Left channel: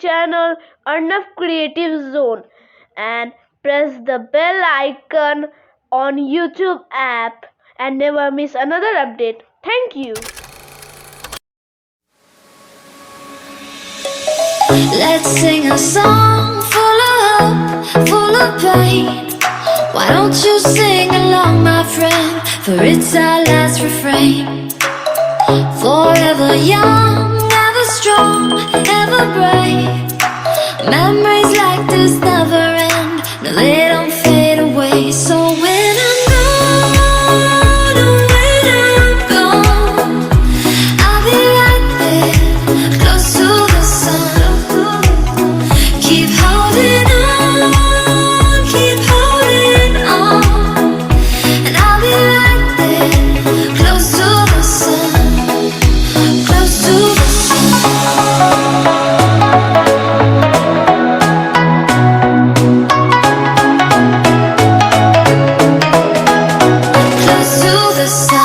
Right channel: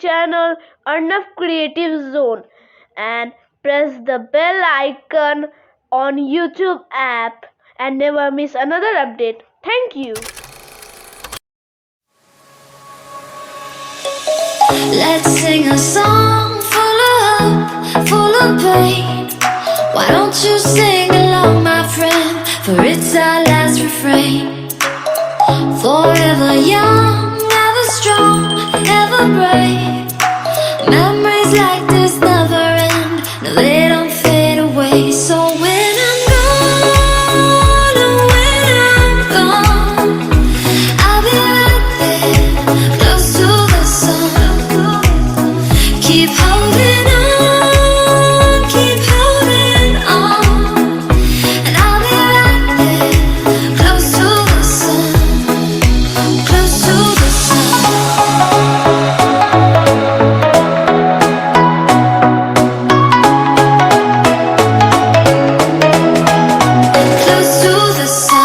channel Arnav Creative Zone and press the bell icon on YouTube app and never miss another update. Thank you. Let's sing a song full of hope, full of pain. Why don't you sing along, my friend? For it's our last refrain. Forever young, ever strong, ever brave. Memories like this never end. No, they don't fade away. So when I'm gone, oh, when I'm gone, I'll be right there, close to the sun. Keep holding on, keep holding on, and I'll be right there, close to the sun, close to the sun. Close to the sun.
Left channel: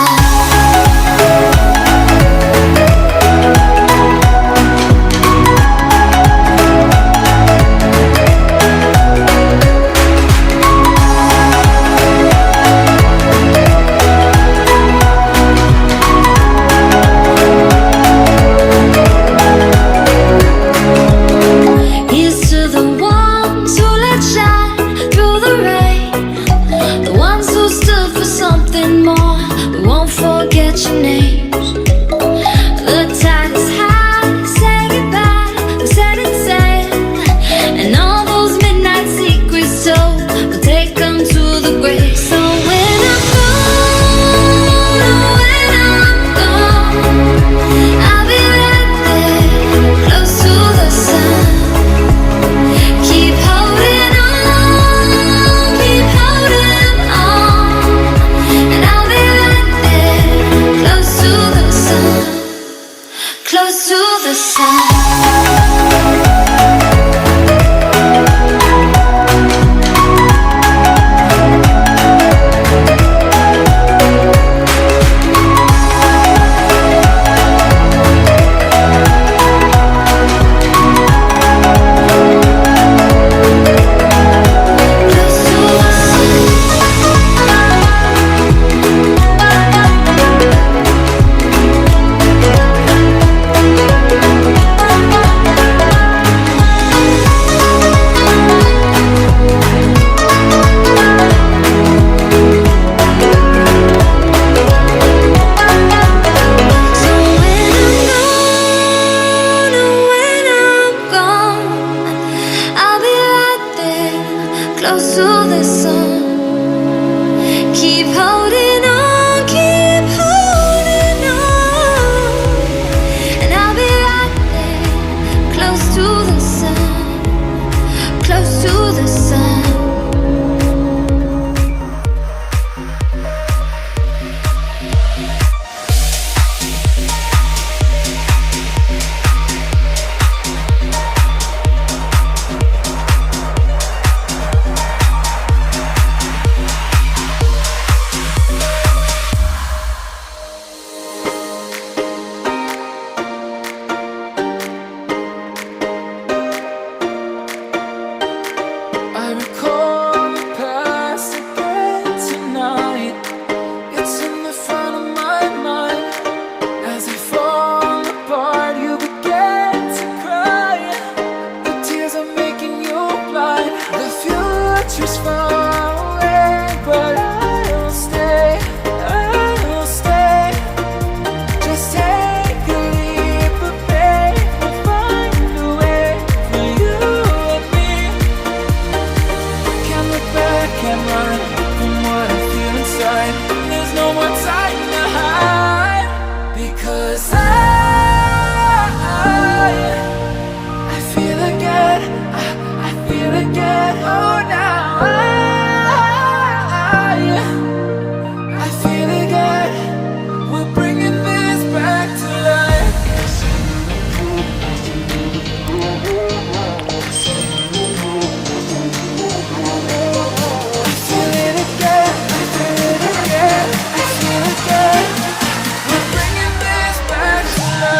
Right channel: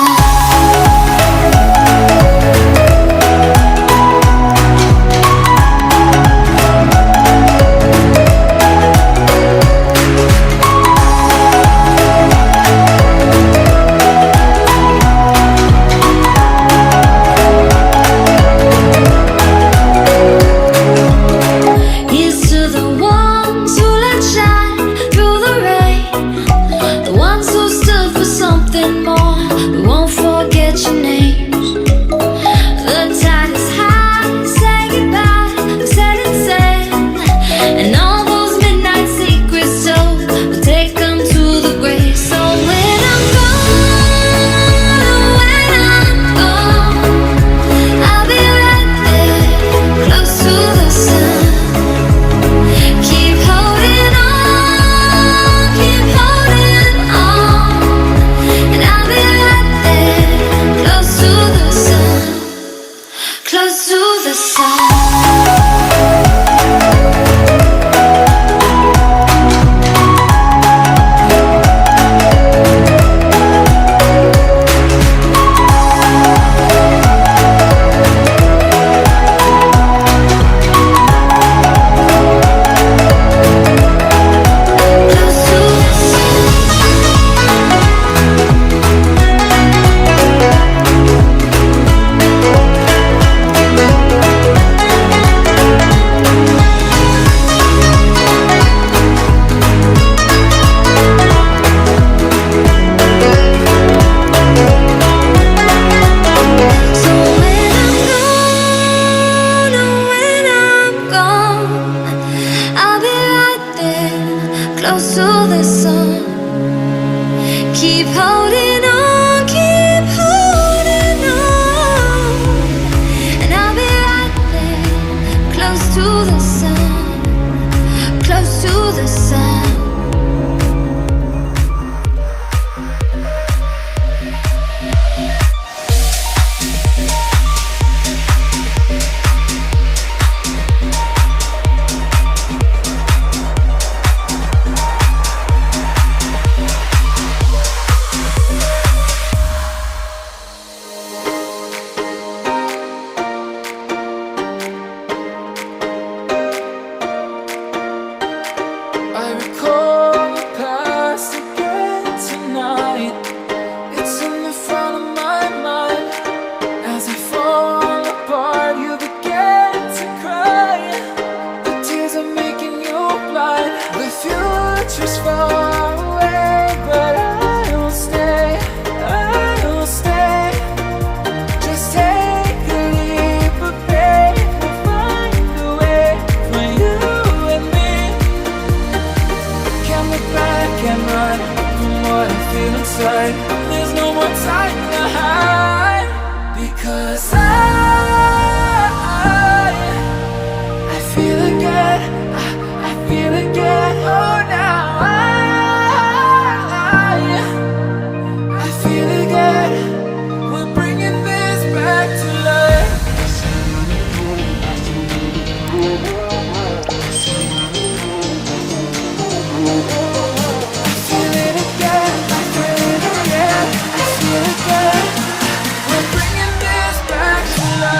Here's to the ones who let shine through the rain, the ones who stood for something more. We won't forget your names. The tide is high, say goodbye, we're setting sail, and all those midnight secrets told, we'll take them to the grave. So when I'm gone, oh, when I'm gone, I'll be right there, close to the sun. Keep holding on, keep holding on, and I'll be right there, close to the sun, close to the sun. Close to the sun. So when I'm gone, oh, when I'm gone, I'll be right there, close to the sun. Keep holding on, keep holding on, and I'll be right there, close to the sun, close to the sun. I recall the past again tonight. It's in the front of my mind. As I fall apart, you begin to cry. The tears are making you blind. The future's far away, but I'll stay. I'll stay. Just take a leap of faith. We'll find a way for you and me. Can't look back, can't run from what I feel inside. There's no more time to hide, because I feel again, I feel again. Oh, now I feel again. We're bringing this back to life. I feel it again, I feel it again, I feel it again. We're bringing this back to life.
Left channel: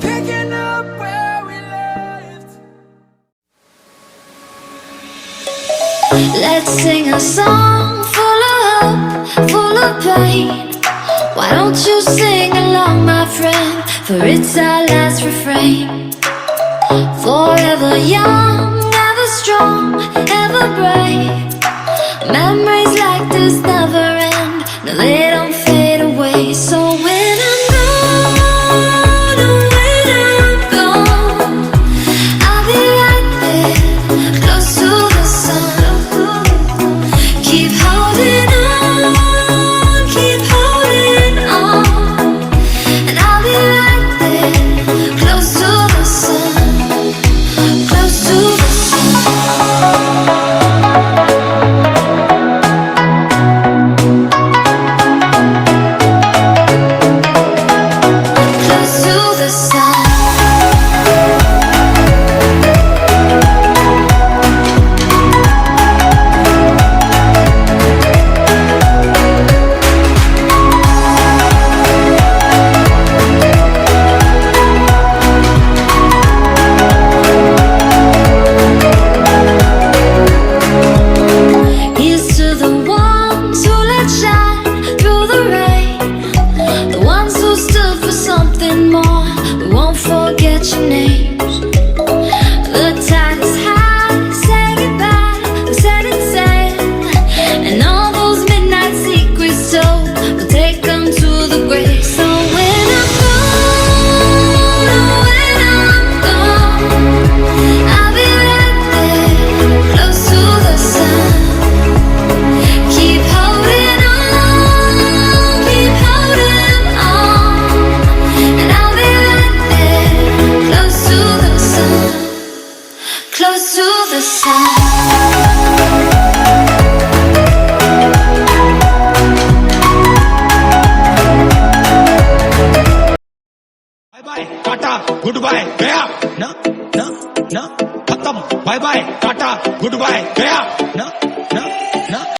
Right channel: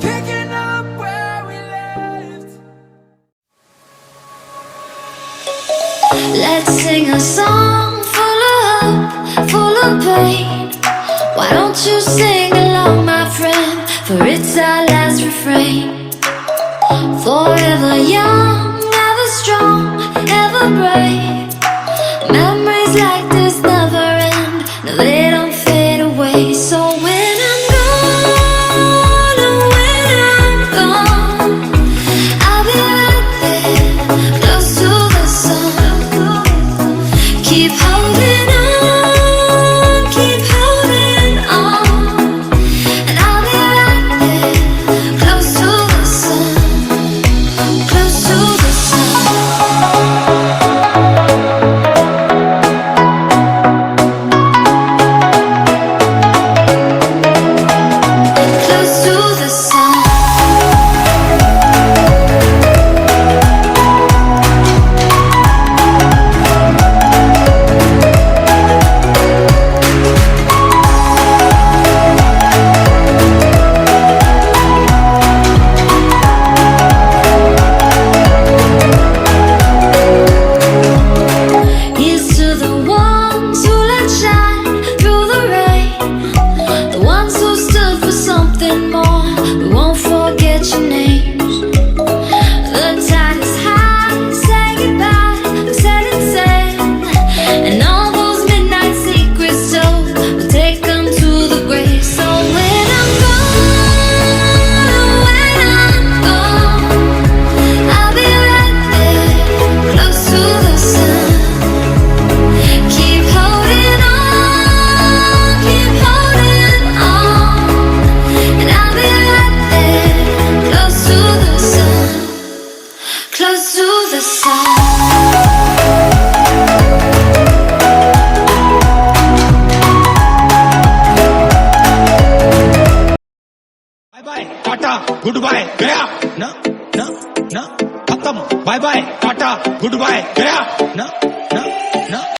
picking up where we left. Let's sing a song full of hope, full of pain. Why don't you sing along, my friend? For it's our last refrain. Forever young, ever strong, ever brave. Memories like this never end. No, they don't fade away. So when I'm gone, oh, when I'm gone, I'll be right there, close to the sun. Keep holding on, keep holding on, and I'll be right there, close to the sun, close to the sun. Close to the sun. Here's to the ones who let shine through the rain, the ones who stood for something more. We won't forget your names. The tide is high, say goodbye, we're setting sail, and all those midnight secrets told, we'll take them to the grave. So when I'm gone, oh, when I'm gone, I'll be right there, close to the sun. Keep holding on, keep holding on, and I'll be right there, close to the sun, close to the sun. Bye bye tata goodbye गया ना ना ना खत्म bye bye tata goodbye गया ना